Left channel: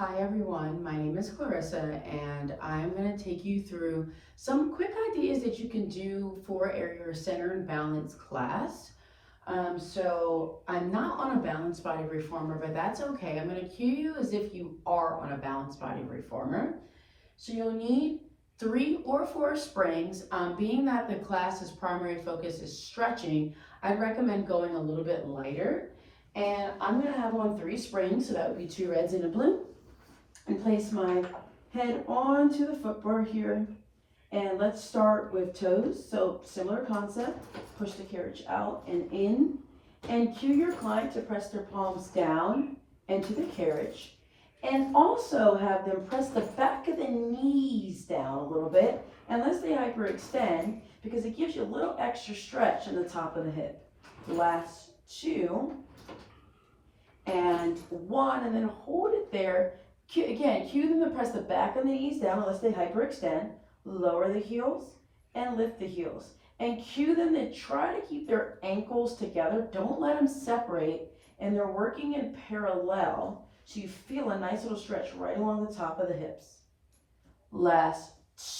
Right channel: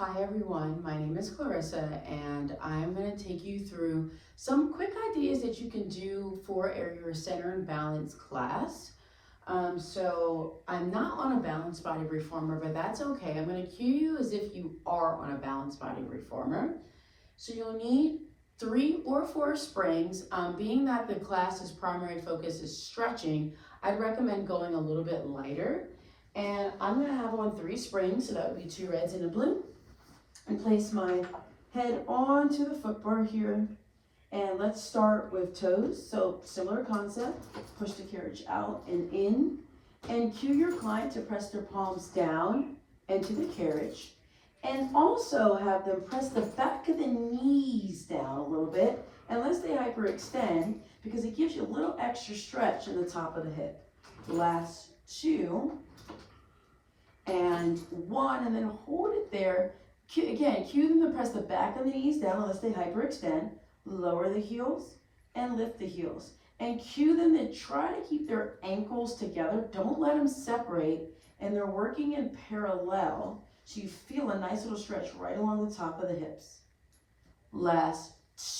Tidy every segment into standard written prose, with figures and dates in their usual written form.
Hi everyone, my name is Clarissa and I'm going to take you through some quick ideas that you can do for your center and balance class. So I'm not on a balanced body reformer, but that's okay. I'm going to cue you as if you are on a balanced body reformer. So you'll need 3 or 4 springs. Being that the class's primary focus is stretching, I'd recommend going a little bit lighter. And I'm going to have on 3 springs, so that would be 2 reds and a blue. And place my head onto the footboard here. And let's start with toes. So similar concept, push the carriage out and in. And cue your client to press their palms down into the carriage. And also have them press the back of the knees down a little bit, unless they hyperextend, because it gives you a little extra stretch in the top of the hip. Last 2 and 1, and then hold it there. Again, cue them to press the back of the knees down unless they hyperextend. Lower the heels and lift the heels. And cue them to try to keep their ankles together. Don't let them separate. And they're working in parallel, so you feel a nice little stretch right along the top of the hips. Last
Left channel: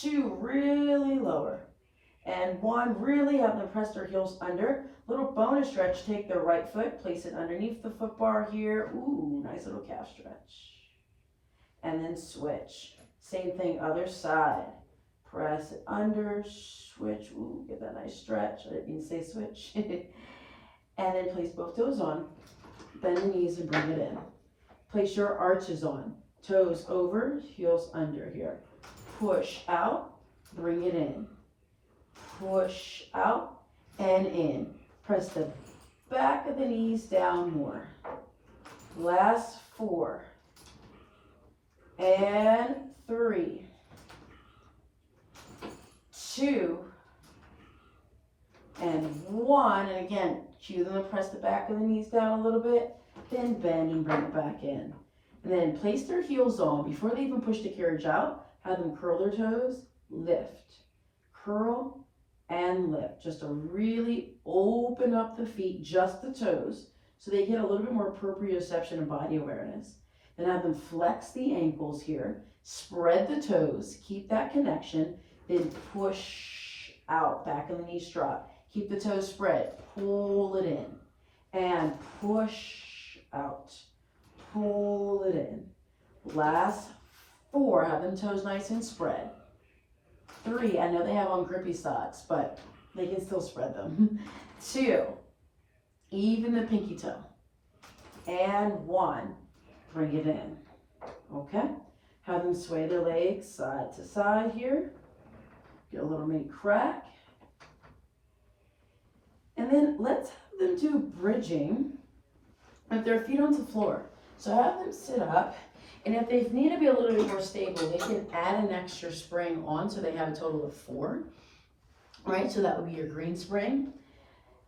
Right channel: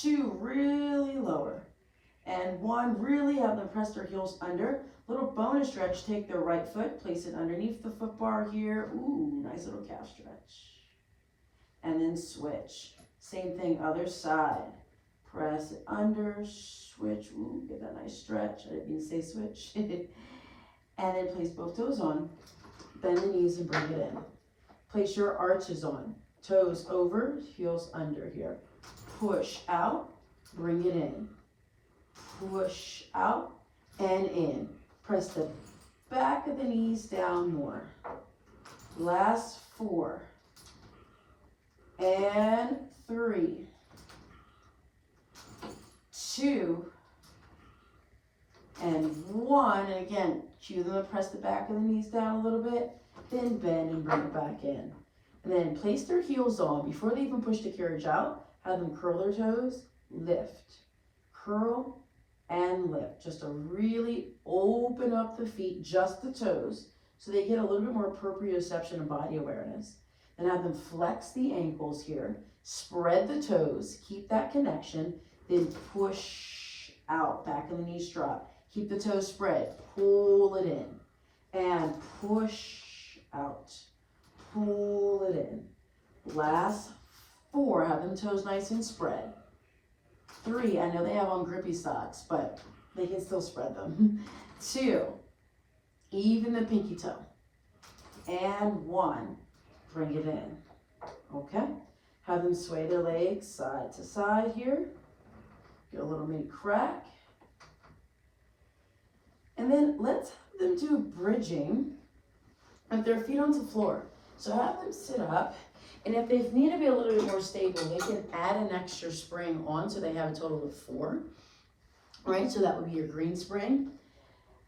2, really lower. And 1, really have them press their heels under. Little bonus stretch, take their right foot, place it underneath the foot bar here. Ooh, nice little calf stretch. And then switch. Same thing, other side. Press it under, switch. Ooh, get that nice stretch. I didn't mean to say switch. And then place both toes on. Bend the knees and bring it in. Place your arches on. Toes over, heels under here. Push out, bring it in. Push out and in. Press the back of the knees down more. Last 4. And 3, 2, and 1. And again, cue them and press the back of the knees down a little bit, then bend and bring it back in. And then place their heels on. Before they even push the carriage out, have them curl their toes, lift, curl, and lift. Just to really open up the feet, just the toes, so they get a little bit more proprioception and body awareness. Then have them flex the ankles here, spread the toes, keep that connection, then push out, back of the knee drop. Keep the toes spread, pull it in, and push out, pull it in. Last 4, have them toes nice and spread. 3, I know they have on grippy socks, but they can still spread them. 2, even the pinky toe. And 1. Bring it in, okay? Have them sway their legs side to side here. Get a little mini crack. And then let's have them do bridging with their feet onto the floor. So have them sit up, and if they need to be a little bit more stable, they can add an extra spring on, so they have a total of 4. All right, so that would be your green spring.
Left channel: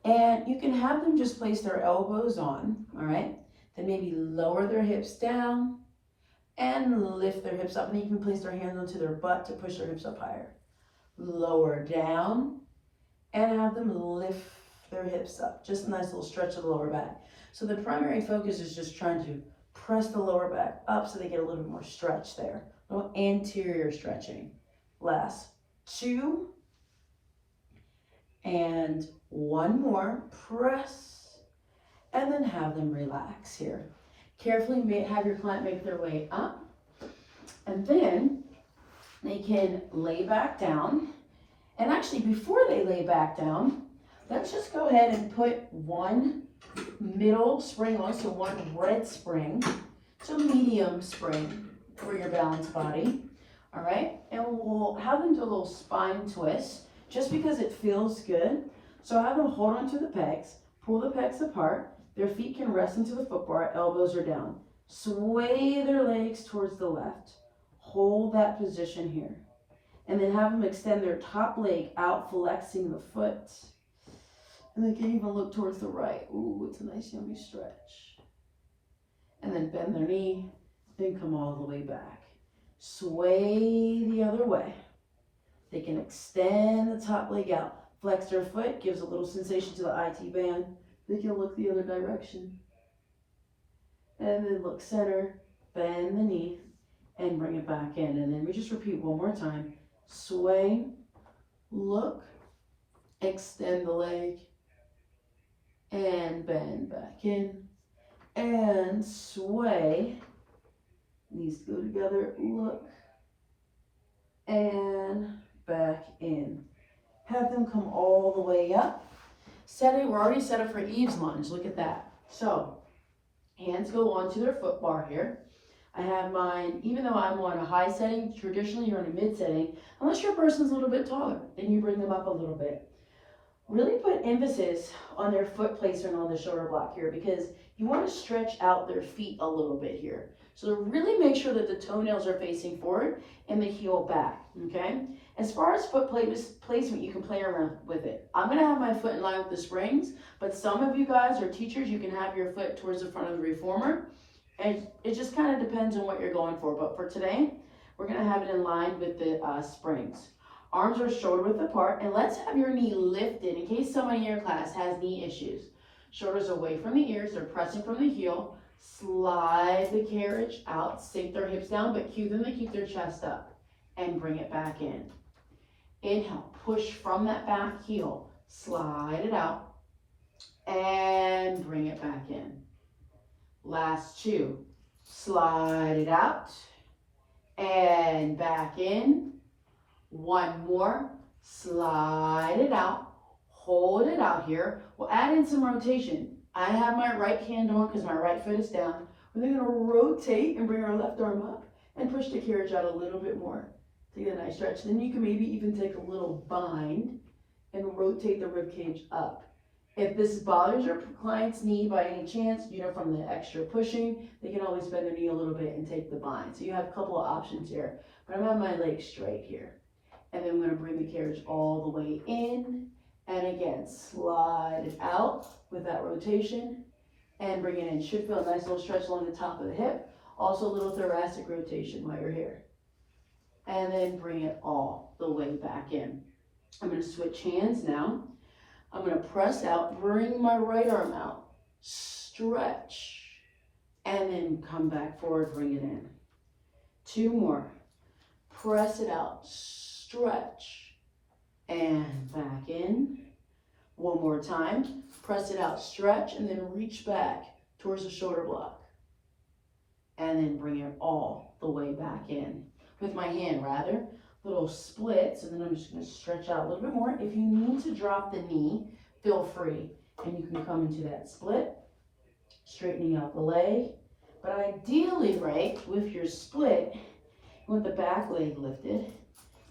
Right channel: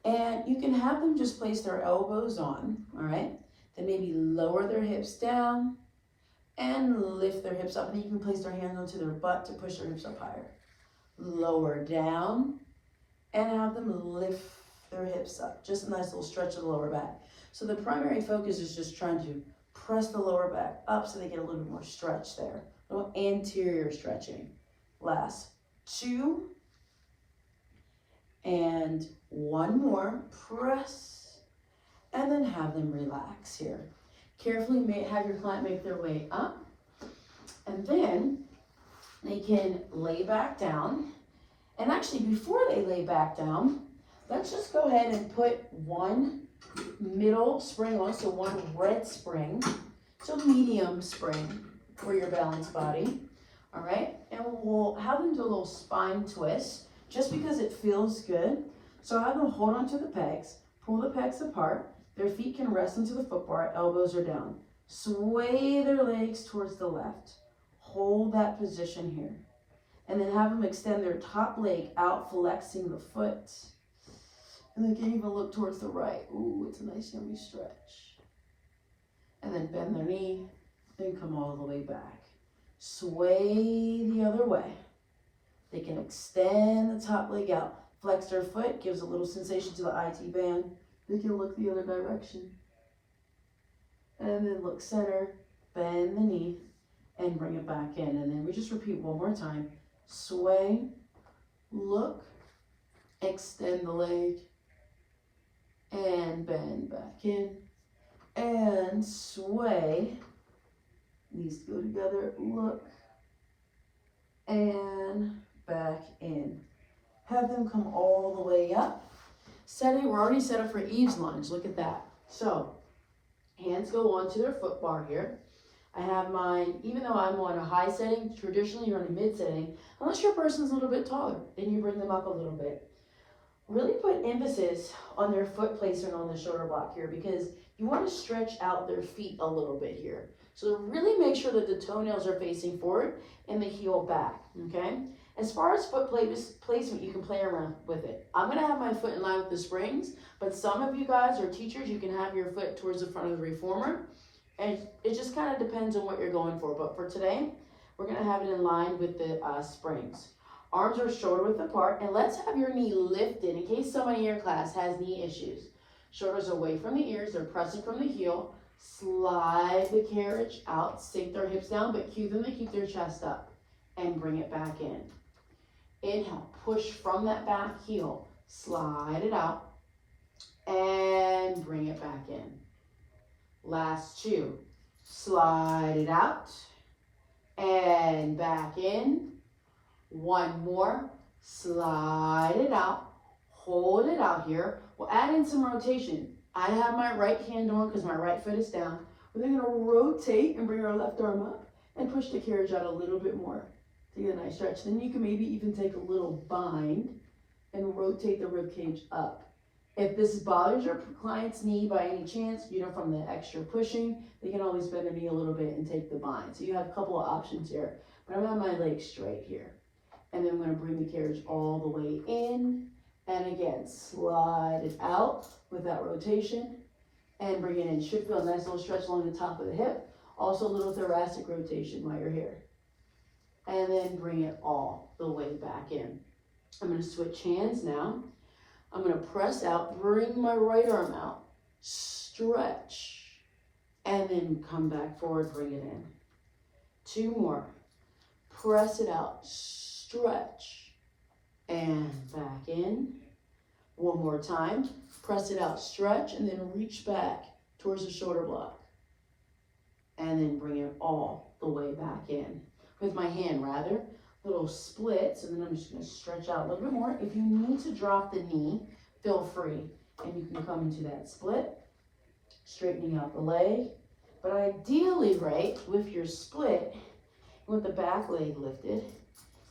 And you can have them just place their elbows on, all right? Then maybe lower their hips down and lift their hips up. And then you can place their hands onto their butt to push their hips up higher. Lower down and have them lift their hips up. Just a nice little stretch of the lower back. So the primary focus is just trying to press the lower back up so they get a little bit more stretch there. A little anterior stretching. Last 2 and 1 more. Press. And then have them relax here. Carefully have your client make their way up. And then they can lay back down. And actually, before they lay back down, let's just go ahead and put 1 middle spring on, so 1 red spring. So medium spring for your balanced body. All right, and we'll have them do a little spine twist, just because it feels good. So have them hold on to the pegs, pull the pegs apart. Their feet can rest into the foot bar, elbows are down. Sway their legs towards the left. Hold that position here. And then have them extend their top leg out, flexing the foot. And they can even look towards the right. Ooh, it's a nice yummy stretch. And then bend their knee, then come all the way back. Sway the other way. They can extend the top leg out. Flex their foot, gives a little sensation to the IT band. They can look the other direction. And then look center, bend the knee, and bring it back in. And then we just repeat one more time. Sway, look, extend the leg, and bend back in, and sway. These go together, look, and back in. Have them come all the way up. Set it, we're already set up for Eve's lunge, look at that. So, hands go onto their foot bar here. I have mine, even though I'm on a high setting, traditionally you're on a mid setting, unless your person's a little bit taller, then you bring them up a little bit. Really put emphasis on their foot placement on the shoulder block here, because you want to stretch out their feet a little bit here. So really make sure that the toenails are facing forward and the heel back, okay? As far as foot placement, you can play around with it. I'm gonna have my foot in line with the springs, but some of you guys are teachers, you can have your foot towards the front of the reformer. And it just kind of depends on what you're going for. But for today, we're gonna have it in line with the springs. Arms are shoulder width apart, and let's have your knee lifted in case somebody in your class has knee issues. Shoulders away from the ears, they're pressing from the heel. Slide the carriage out, sink their hips down, but cue them to keep their chest up and bring it back in. Inhale, push from that back heel, slide it out and bring it back in. Last two, slide it out and back in. One more, slide it out, hold it out here. We'll add in some rotation. I have my right hand on because my right foot is down. We're then gonna rotate and bring our left arm up and push the carriage out a little bit more to get a nice stretch. Then you can maybe even take a little bind and rotate the rib cage up. If this bothers your client's knee by any chance, from the extra pushing, they can always bend their knee a little bit and take the bind. So you have a couple of options here. But I'm gonna have my legs straight here. And then I'm gonna bring the carriage all the way in. And again, slide it out with that rotation and bring it in. Should feel a nice little stretch along the top of the hip. Also a little thoracic rotation while you're here. And then bring it all the way back in. I'm gonna switch hands now. I'm gonna press out, bring my right arm out, stretch, and then come back forward, bring it in. Two more. Press it out, stretch, and back in. One more time. Press it out, stretch, and then reach back towards the shoulder block. And then bring it all the way back in. With my hand, rather. Little splits, and then I'm just going to stretch out a little bit more. If you need to drop the knee, feel free. And you can come into that split, straightening out the leg. But ideally, right, with your split, you want the back leg lifted,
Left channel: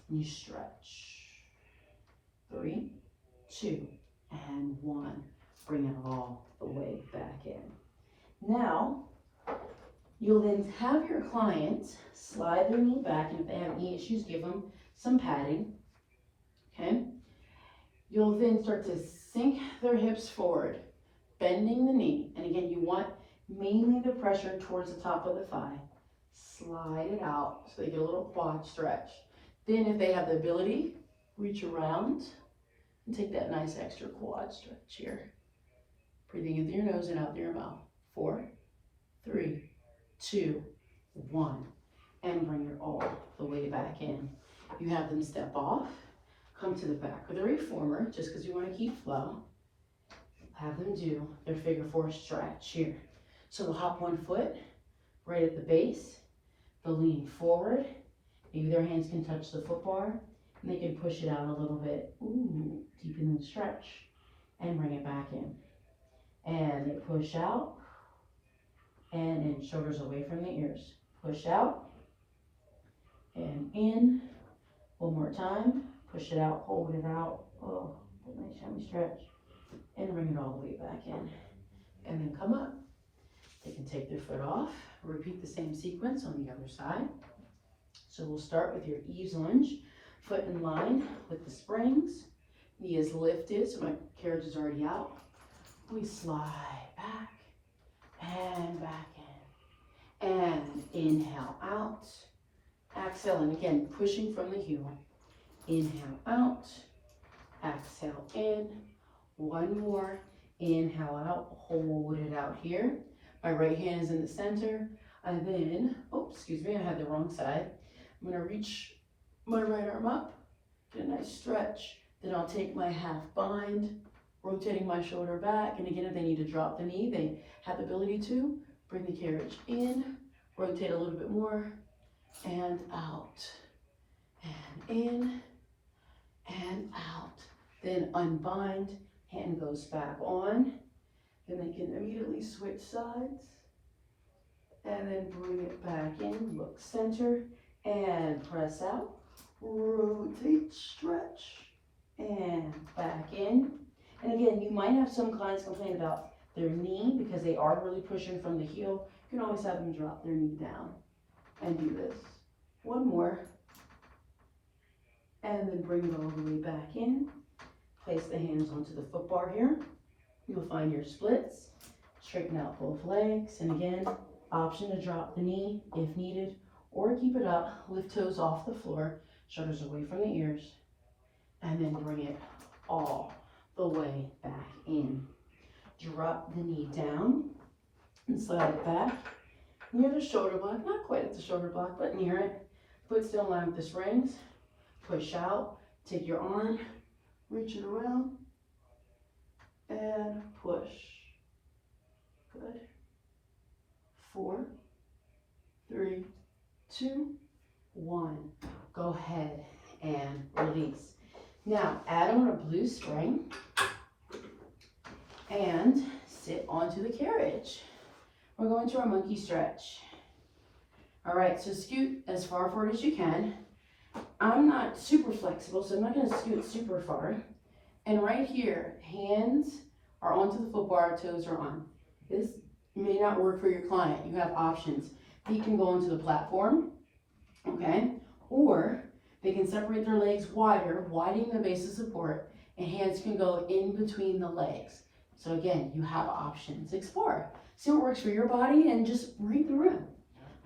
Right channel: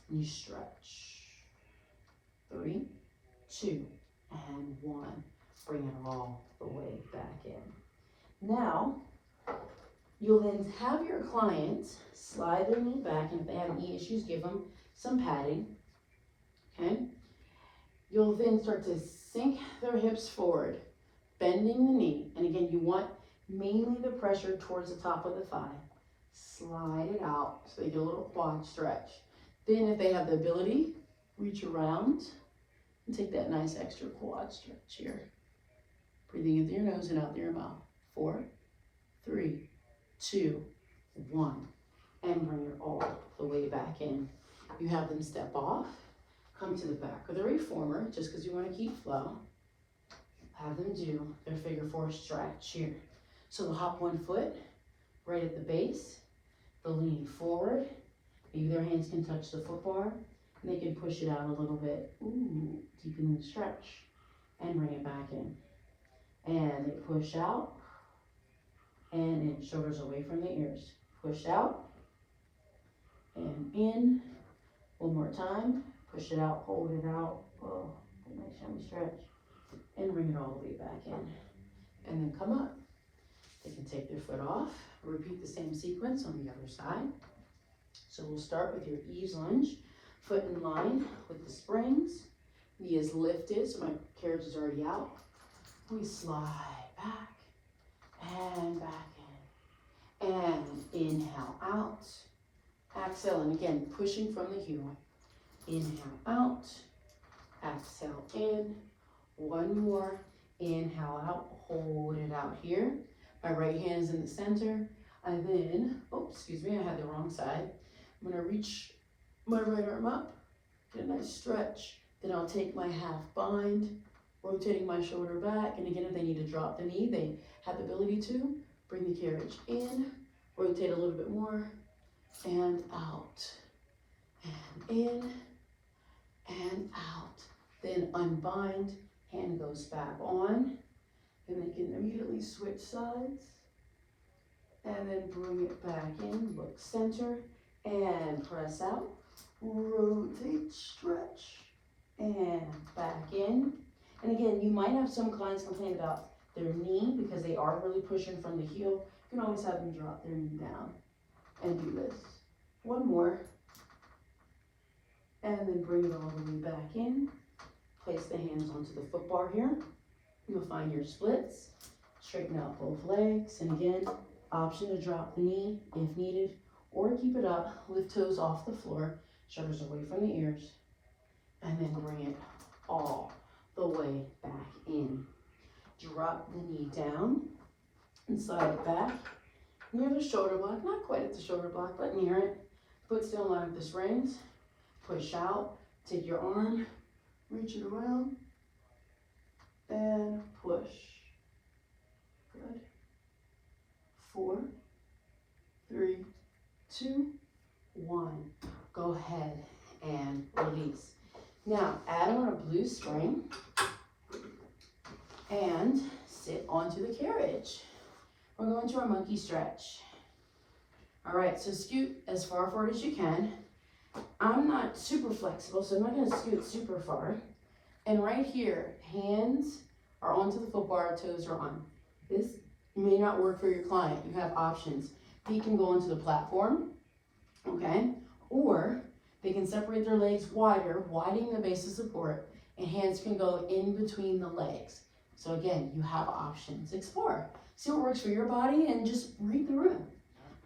and you stretch. 3, 2, and 1. Bring it all the way back in. Now, you'll then have your client slide their knee back, and if they have knee issues, give them some padding, okay? You'll then start to sink their hips forward, bending the knee, and again, you want mainly the pressure towards the top of the thigh. Slide it out so they get a little quad stretch. Then if they have the ability, reach around and take that nice extra quad stretch here. Breathing in through your nose and out through your mouth. 4, 3, 2, 1. And bring it all the way back in. You have them step off, come to the back of the reformer, just because you want to keep flow. Have them do their figure 4 stretch here. So they'll hop one foot right at the base. They'll lean forward. Maybe their hands can touch the foot bar, and they can push it out a little bit. Ooh, deepen the stretch, and bring it back in. And they push out, and then shoulders away from the ears. Push out, and in. One more time. Push it out, hold it out. Oh, nice yummy stretch. And bring it all the way back in. And then come up. They can take their foot off. Repeat the same sequence on the other side. So we'll start with your Eve's lunge. Foot in line with the springs. Knee is lifted, so my carriage is already out. We slide back and back in. And inhale out. Exhale, and again, pushing from the heel. Inhale out. Exhale in. One more. Inhale out. Hold it out here. My right hand is in the center. And then, oh, excuse me, I had the wrong side. I'm gonna reach my right arm up, get a nice stretch. Then I'll take my half bind, rotating my shoulder back. And again, if they need to drop the knee, they have the ability to bring the carriage in, rotate a little bit more, and out, and in, and out. Then unbind, hand goes back on, then they can immediately switch sides, and then bring it back in, look center, and press out, rotate, stretch, and back in. And again, you might have some clients complain about their knee because they are really pushing from the heel. You can always have them drop their knee down and do this. One more, and then bring it all the way back in. Place the hands onto the foot bar here. You'll find your splits. Straighten out both legs, and again, option to drop the knee if needed, or keep it up, lift toes off the floor, shoulders away from the ears, and then bring it all the way back in. Drop the knee down and slide it back near the shoulder block, not quite at the shoulder block, but near it. Foot still in line with the springs. Push out, take your arm, reach it around, and push. Good. 4, 3, 2, 1. Go ahead and release. Now, add on a blue spring and sit onto the carriage. We're going to our monkey stretch. All right, so scoot as far forward as you can. I'm not super flexible, so I'm not gonna scoot super far. And right here, hands are onto the foot bar, toes are on. This may not work for your client. You have options. Feet can go onto the platform, okay? Or they can separate their legs wider, widening the base of support, and hands can go in between the legs. So again, you have options. Explore. See what works for your body and just read the room.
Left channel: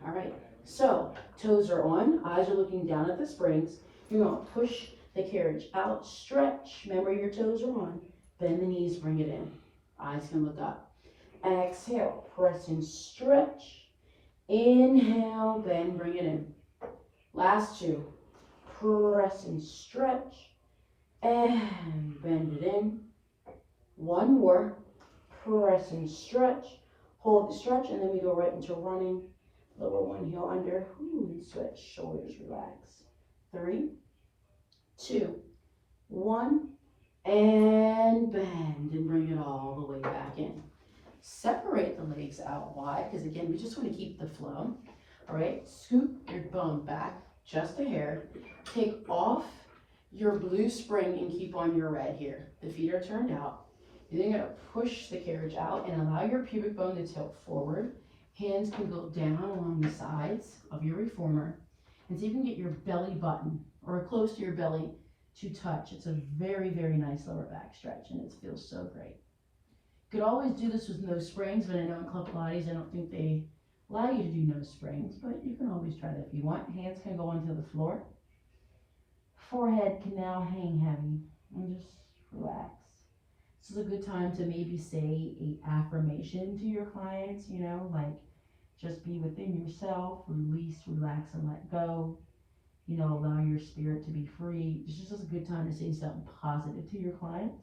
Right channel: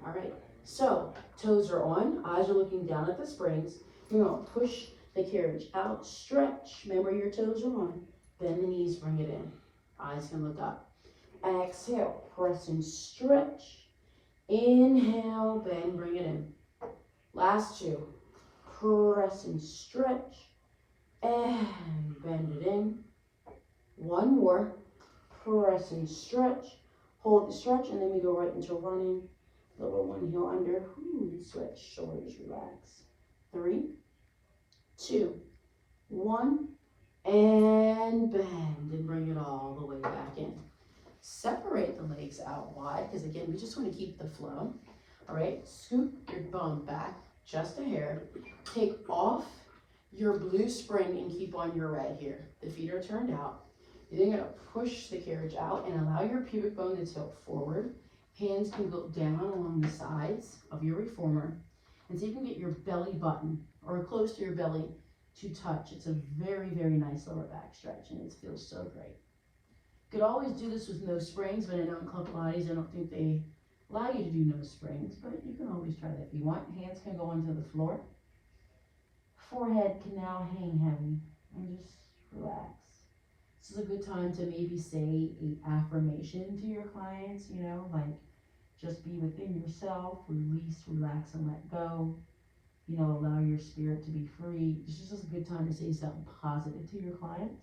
All right, so toes are on, eyes are looking down at the springs. You're gonna push the carriage out, stretch. Remember your toes are on. Bend the knees, bring it in. Eyes can look up. Exhale, press and stretch. Inhale, bend, bring it in. Last 2. Press and stretch. And bend it in. 1 more. Press and stretch. Hold the stretch, and then we go right into running. Lower one heel under. Switch, shoulders relax. 3, 2, 1. And bend and bring it all the way back in. Separate the legs out wide, because again, we just want to keep the flow. All right, scoop your bum back just a hair. Take off your blue spring and keep on your red here. The feet are turned out. You're then gonna push the carriage out and allow your pubic bone to tilt forward. Hands can go down along the sides of your reformer. And so you can get your belly button or close to your belly to touch. It's a very, very nice lower back stretch, and it feels so great. You could always do this with no springs, but I know in Club Pilates, I don't think they allow you to do no springs, but you can always try that if you want. Hands can go onto the floor. Forehead can now hang heavy, and just relax. This is a good time to maybe say an affirmation to your clients, you know, like just be within yourself, release, relax, and let go. You know, allow your spirit to be free. This is just a good time to say something positive to your clients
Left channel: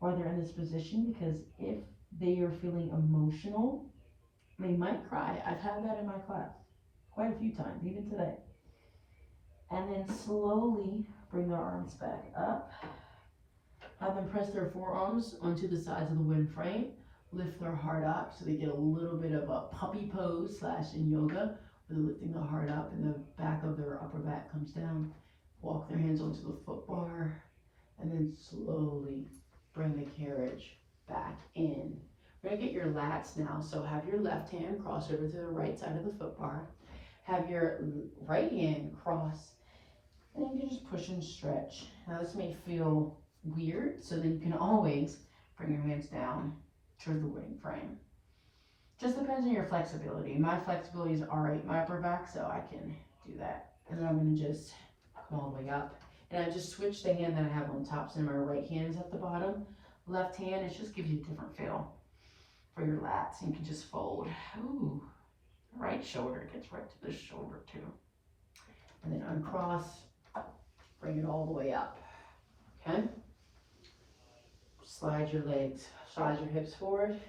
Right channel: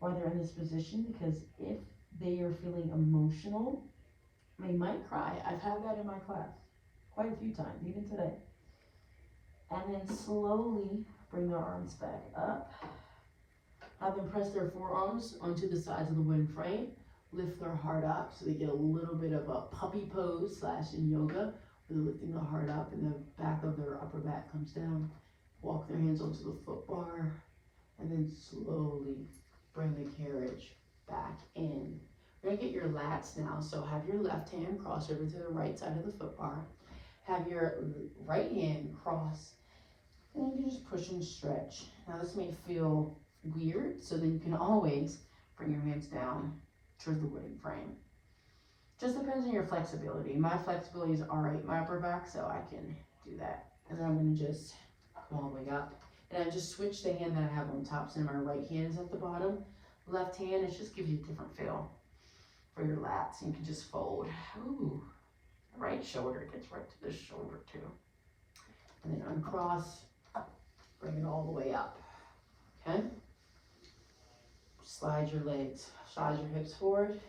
while they're in this position, because if they are feeling emotional, they might cry. I've had that in my class quite a few times, even today. And then slowly bring their arms back up. Have them press their forearms onto the sides of the wooden frame. Lift their heart up so they get a little bit of a puppy pose / in yoga, where they're lifting the heart up and the back of their upper back comes down. Walk their hands onto the foot bar, and then slowly bring the carriage back in. We're gonna get your lats now, so have your left hand cross over to the right side of the foot bar. Have your right hand cross, and you can just push and stretch. Now this may feel weird, so then you can always bring your hands down toward the wooden frame. Just depends on your flexibility. My flexibility is all right, my upper back, so I can do that. And then I'm gonna just go all the way up. And I just switched the hand that I have on top, so my right hand is at the bottom. Left hand, it just gives you a different feel for your lats. And you can just fold. Ooh, Right shoulder gets right to this shoulder too. And then uncross, bring it all the way up, okay? Slide your legs, slide your hips forward.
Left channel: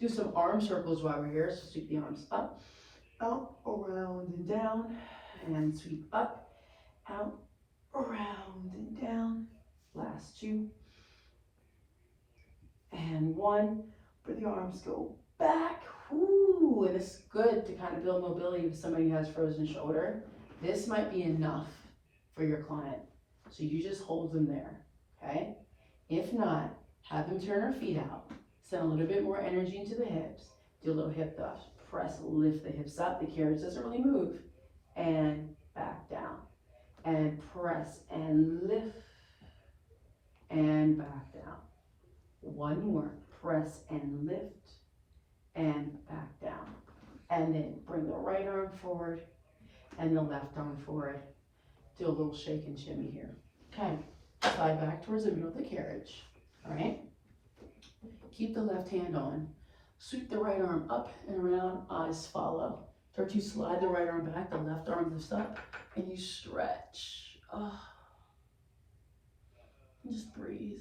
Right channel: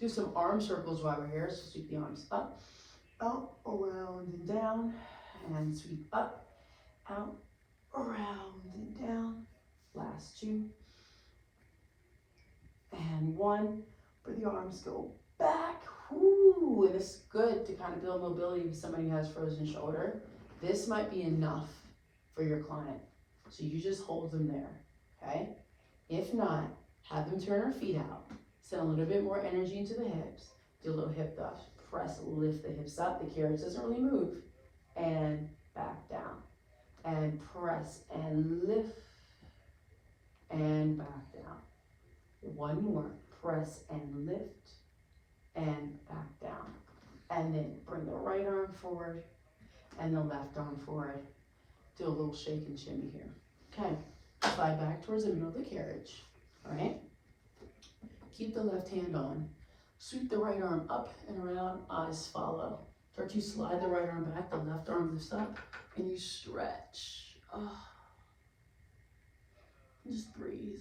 Do some arm circles while we're here, so sweep the arms up, out, around and down, and sweep up, out, around and down. Last two. And one, but the arms go back. Ooh, and it's good to kind of build mobility if somebody has frozen shoulder. This might be enough for your client. So you just hold them there, okay? If not, have them turn her feet out. Send a little bit more energy into the hips. Do a little hip thrust. Press, lift the hips up. The carriage doesn't really move. And back down. And press and lift. And back down. One more. Press and lift. And back down. And then bring the right arm forward and the left arm forward. Do a little shake and shimmy here. Okay. Slide back towards the middle of the carriage. All right. Keep the left hand on. Sweep the right arm up and around. Eyes follow. Start to slide the right arm back. The left arm lifts up and you stretch. Oh. Just breathe.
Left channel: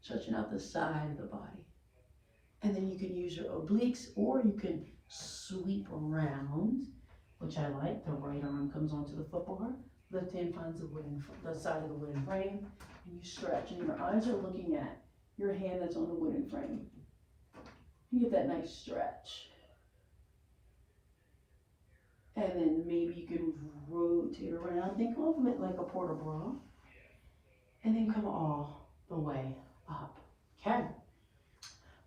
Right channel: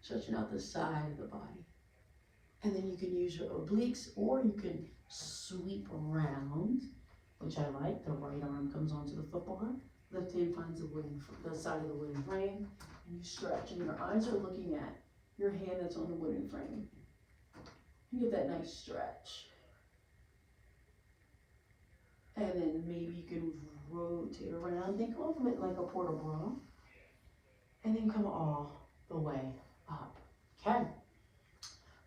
Stretching out the side of the body. And then you can use your obliques, or you can sweep around, which I like. The right arm comes onto the footbar. Left hand finds the side of the wooden frame, and you stretch, and your eyes are looking at your hand that's on the wooden frame. You get that nice stretch. And then maybe you can rotate around. Think of it like a port de bras. And then come all the way up. Okay.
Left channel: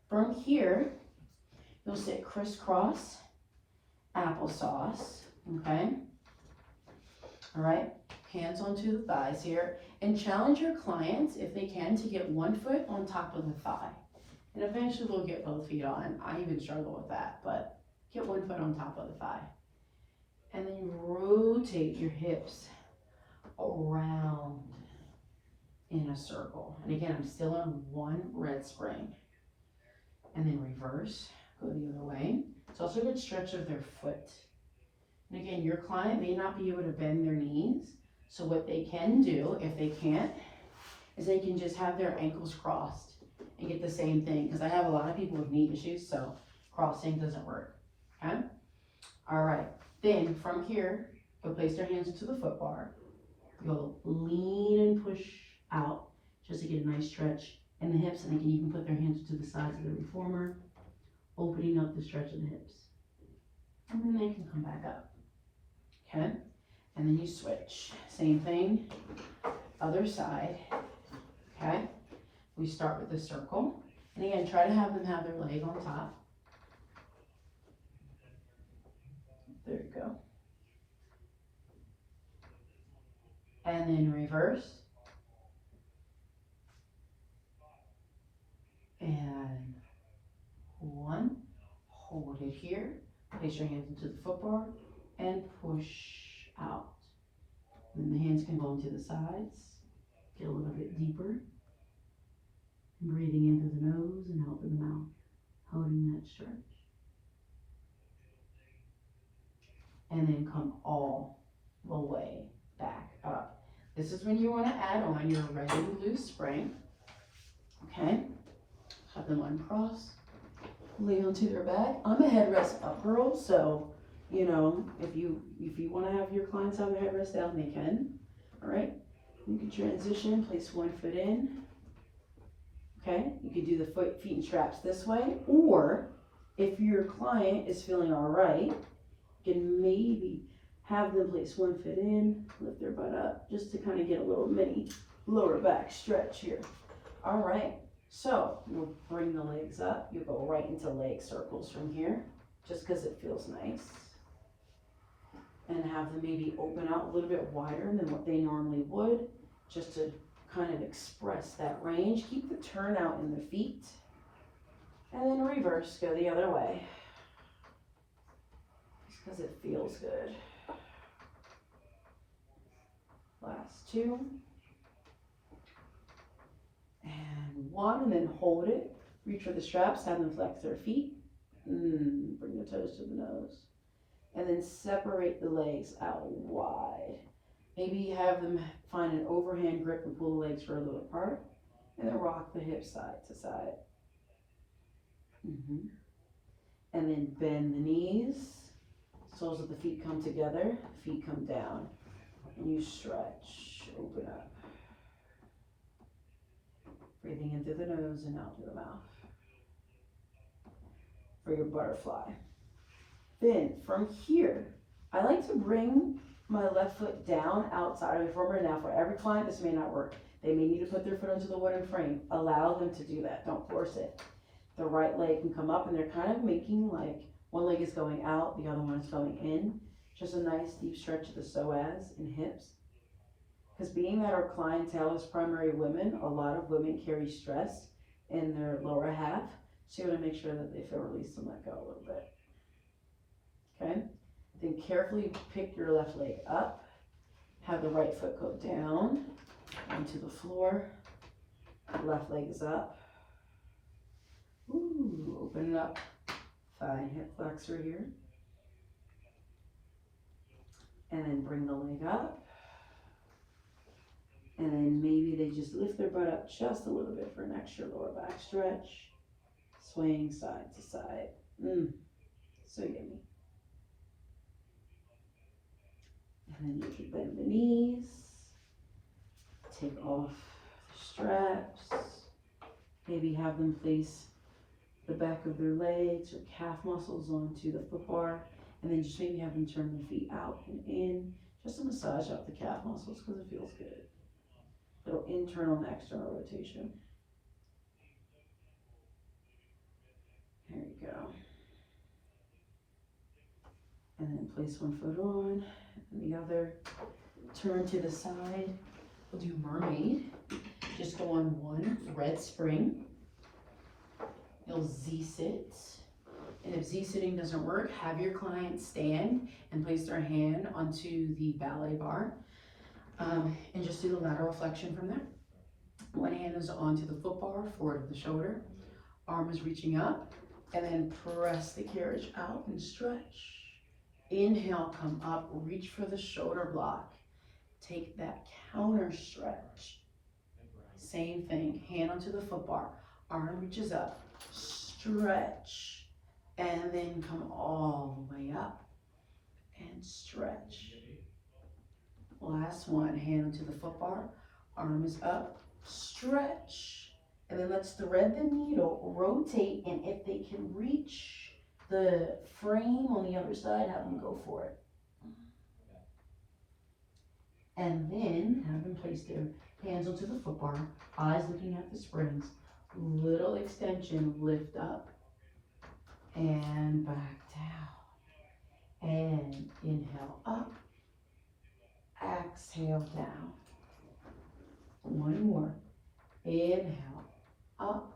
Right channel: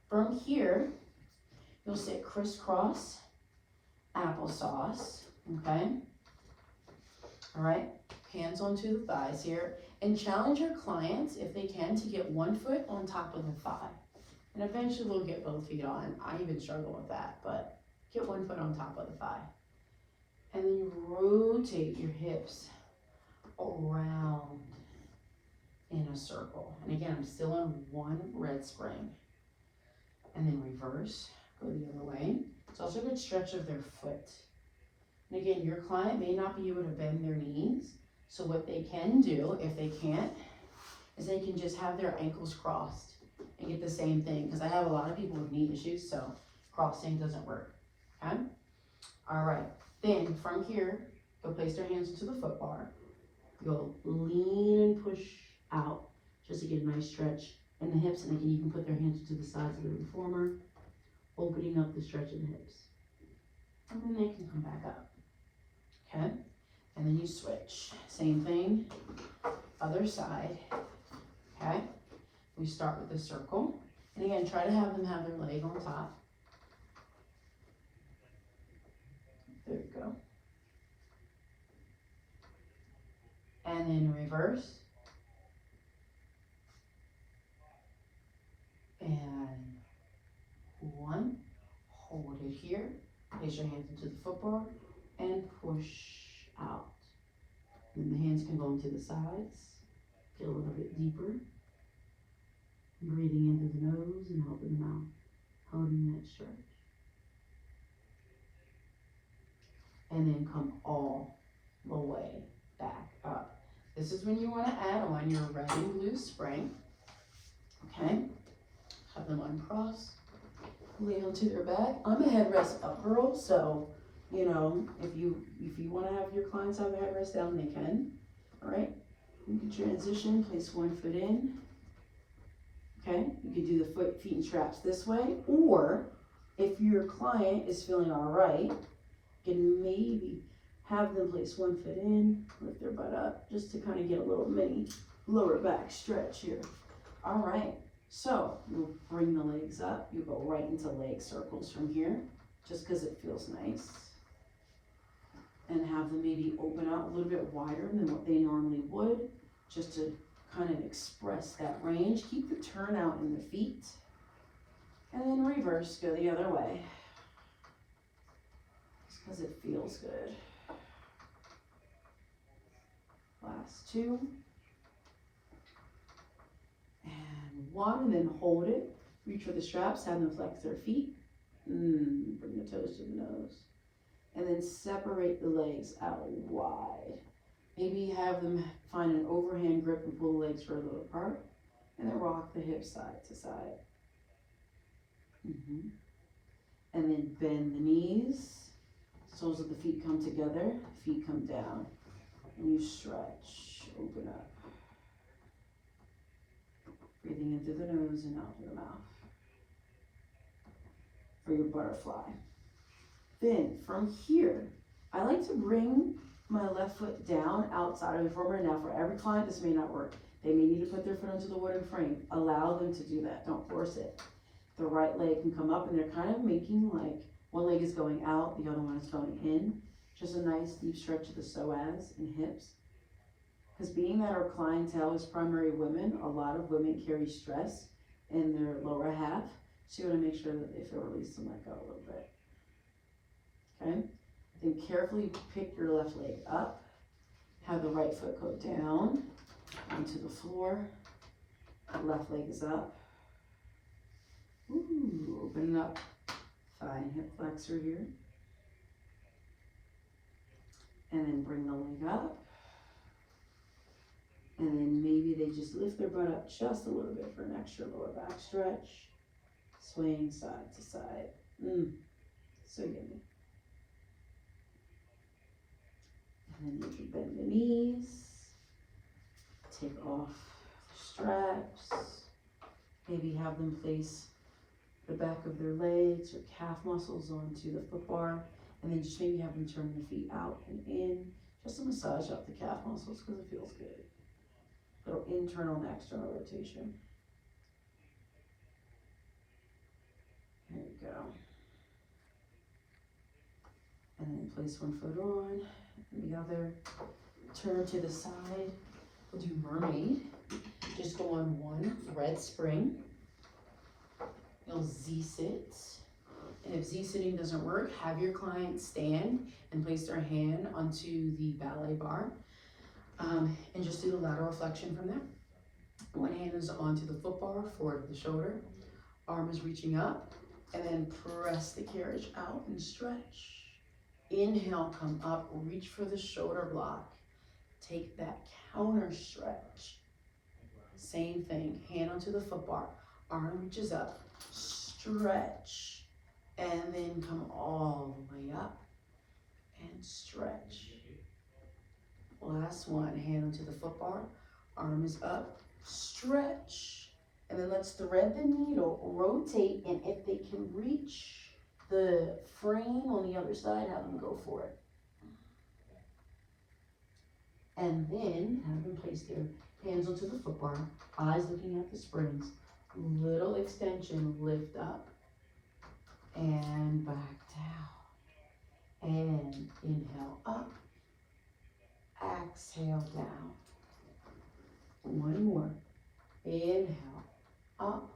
From here, you'll sit crisscross applesauce, okay? All right, hands onto the thighs here. And challenge your clients, if they can, to get one foot on top of the thigh. And eventually we'll get both feet on. I even struggle with that, but get one foot on top of the thigh. And then rotate your hips around in a circle. And again, I'm still on one red spring. And then reverse, go the other way. It's also a good stretch of their foot. And again, your client may not be able to bend their knees. So what they can do, if they can't, is they can just have their ankles crossed and get the same thing. Because I have a lot of people with knee issues, so crossing doesn't work, okay? All right, then from here, you'll place their hands into the foot bar. You'll lean and push out just to get a nice stretch in the hips, and they can even put their hands to the sides of the reformer, opening up the stretch of the hips. And then they can come back up, okay? And then you switch. Same thing, other side, okay? We start with the circle. And again, try to have them have their leg on top. There you go. And then reverse. And one, hold it here, place your hands into the foot bar, and push out. And the hands can go into the sides, get a little bit deeper, breathing into the nose and out the mouth, holding that stretch. And then come all the way back up. This is when you want to add on your red and blue spring, okay? Have them uncross, lay onto their back. I'm a headrest up girl, so you know, if you want to have your clients have their headrest down, they can. All right, you can transition, place one foot in. Okay, you can do the feet and straps this way, or if your client is feeling all right, you can maybe have them place one foot in, lift their butt up, just to kind of get a little mini lower back stretch here. All right. So you'll bring the legs up. You'll go right into leg circles from here, just because it feels nice. And have them maybe open out a little bit wider than what they normally would, just to kind of express that range. Keep the turnout in the feet. And then reverse, go the other way. Just because it feels good. Last two. And one, and then hold it. Reach for the straps, have them flex their feet. Bring the toes to the nose. And then separate the legs out wide. Maybe have them find an overhand grip and pull the legs further apart. And then rock the hips side to side. And then bend the knees. Soles of the feet come together. Feet come down. And you stretch. Open up. Breathing in through the nose and out through the mouth. For your butterfly. Then from here, I like to bring my left foot down outside of the former. Now for every client, this may not work. They may need to put their foot into the wooden frame. Allow them to do that. Don't force it. The right leg can come up, and they're kind of making like one leg is going out, the other one is going in. Just a nice deep stretch of the psoas and hips. Because being that our clientele is primarily women, a lot of women carry stress in their lower half. So you want to make sure that they feel released and let go a little bit. Okay? Then carefully pick your left leg up. Have the right foot go down onto the floor. Left leg is up. Open it up. Thigh and hip flexor here. And then bring the leg up. And then maybe they just lift their butt up just a little bit for an extra lower back stretch. Swaying side to side. So yummy. And then you can bend the knees. Take off the straps. Maybe have them place the back of their legs or calf muscles onto the foot bar. And then just maybe have them turn their feet out and in. Just to massage out the calf muscles because it feels good. Little internal and external rotation. Here you go. And then place one foot on and the other. Turn to the side. We'll do mermaid. Just go on one red spring. You'll Z-sit. And if Z-sitting doesn't work, have your client stand and place their hand onto the ballet bar. And just do the lateral flexion from there. One hand is onto the foot bar, forward of the shoulder. Arm is reaching up. And then press the carriage out and stretch. Inhale, come up, reach for the shoulder block. Take that counter stretch. Same thing, hand onto the foot bar. Arm reaches up, stretch. And then come all the way up and stretch. Last one, hand onto the foot bar. Arm is up, stretch. And then let's thread the needle, rotate, and if they can reach the frame on the other side, have them go for it. And then have them place their hands onto the foot bar, eyes looking at the springs. Little extension, lift up and back down. And inhale up, exhale down. One more. Inhale up,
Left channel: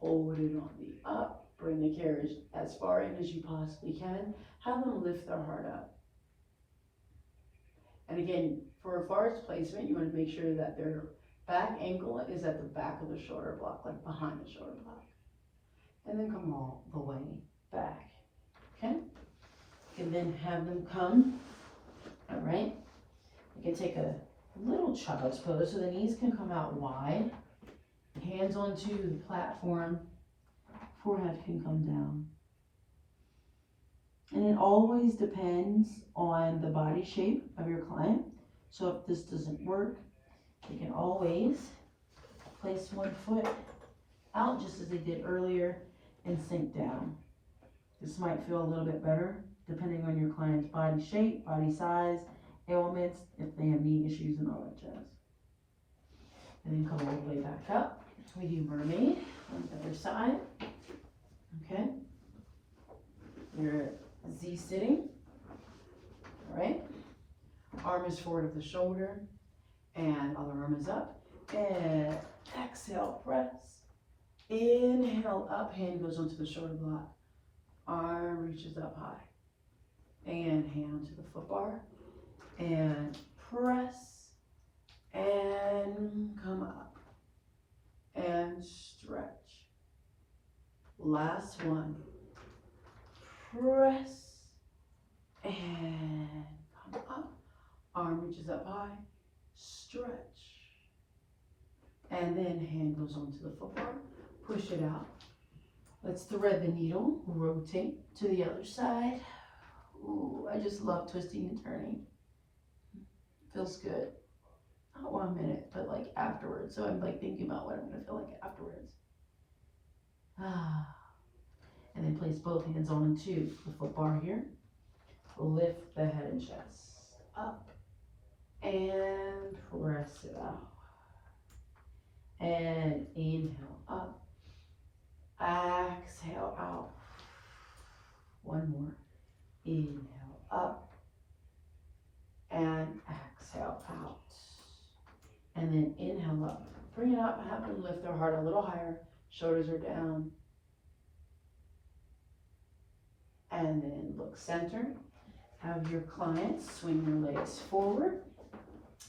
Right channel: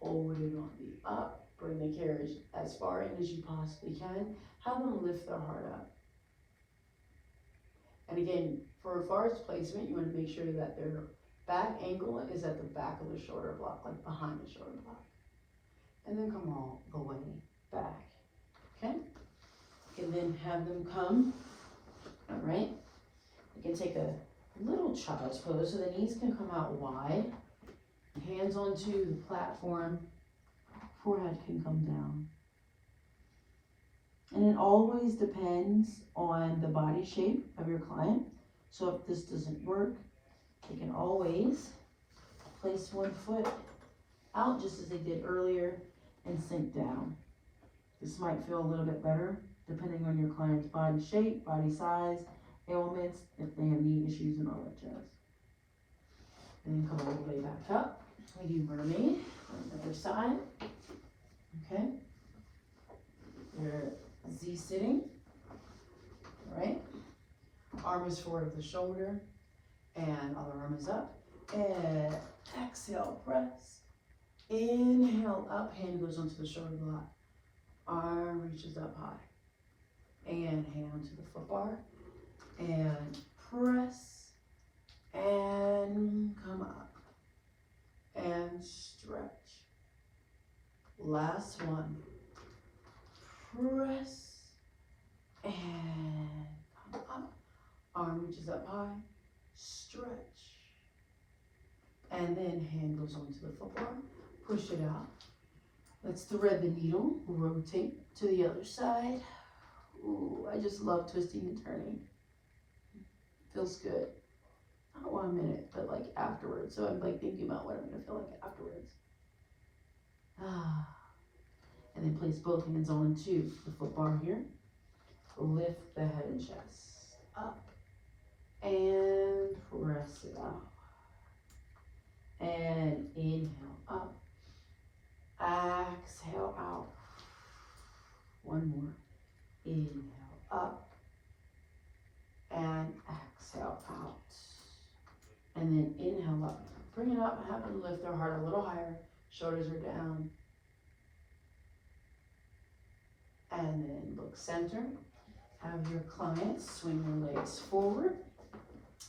holding on the up. Bring the carriage as far in as you possibly can. Have them lift their heart up. And again, for a forest placement, you want to make sure that their back ankle is at the back of the shoulder block, like behind the shoulder block. And then come all the way back. Okay? And then have them come. All right? You can take a little child's pose so the knees can come out wide. Hands onto the platform. Forehead can come down. And it always depends on the body shape of your client. So if this doesn't work, you can always place one foot out just as they did earlier and sink down. This might feel a little bit better depending on your client's body shape, body size, ailments, if they have knee issues and all that jazz. And then come all the way back up. We do mermaid on the other side. Okay. You're Z-sitting. All right. Arm is forward of the shoulder. And other arm is up. And exhale, press. Inhale, up. Hand goes onto the shoulder block. Arm reaches up high. And hand onto the foot bar. And press. And come up. And stretch. Last one. press, and come up. Arm reaches up high, stretch. And then hand goes onto the footbar, push it out. Let's thread the needle, rotate to the other side. Ooh, I just love twisting and turning. Feels good. Not 1 minute, but like afterwards. So I'm like thinking about what I'm gonna feel like afterwards. And then place both hands onto the foot bar here. Lift the head and chest up and press it out. And inhale up, exhale out. One more. Inhale up and exhale out. And then inhale up. Bring it up, have them lift their heart a little higher. Shoulders are down. And then look center. Have your clients swing their legs forward.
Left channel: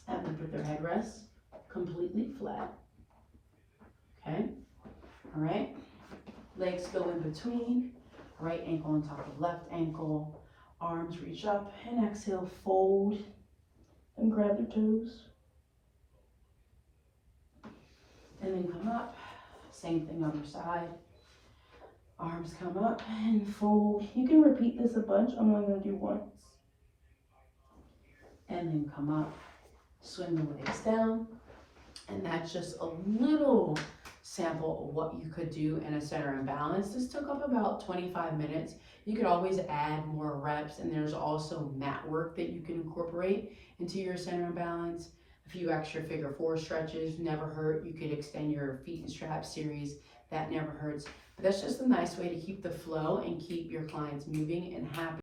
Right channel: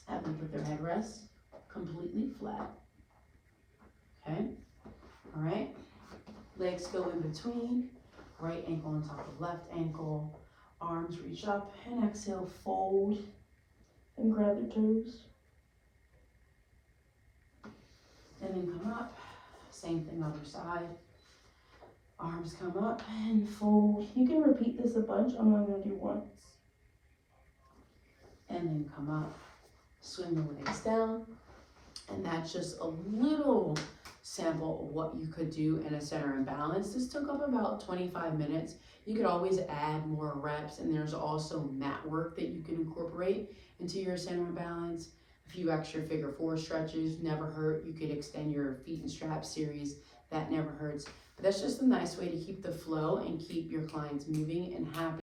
Have them put their head rest completely flat. Okay? All right. Legs go in between. Right ankle on top of left ankle. Arms reach up and exhale, fold and grab your toes. And then come up. Same thing other side. Arms come up and fold. You can repeat this a bunch. I'm only going to do once. And then come up. Swing the legs down. And that's just a little sample of what you could do in a center and balance. This took up about 25 minutes. You could always add more reps, and there's also mat work that you can incorporate into your center and balance. A few extra figure 4 stretches never hurt. You could extend your feet and straps series. That never hurts. But that's just a nice way to keep the flow and keep your clients moving and happy.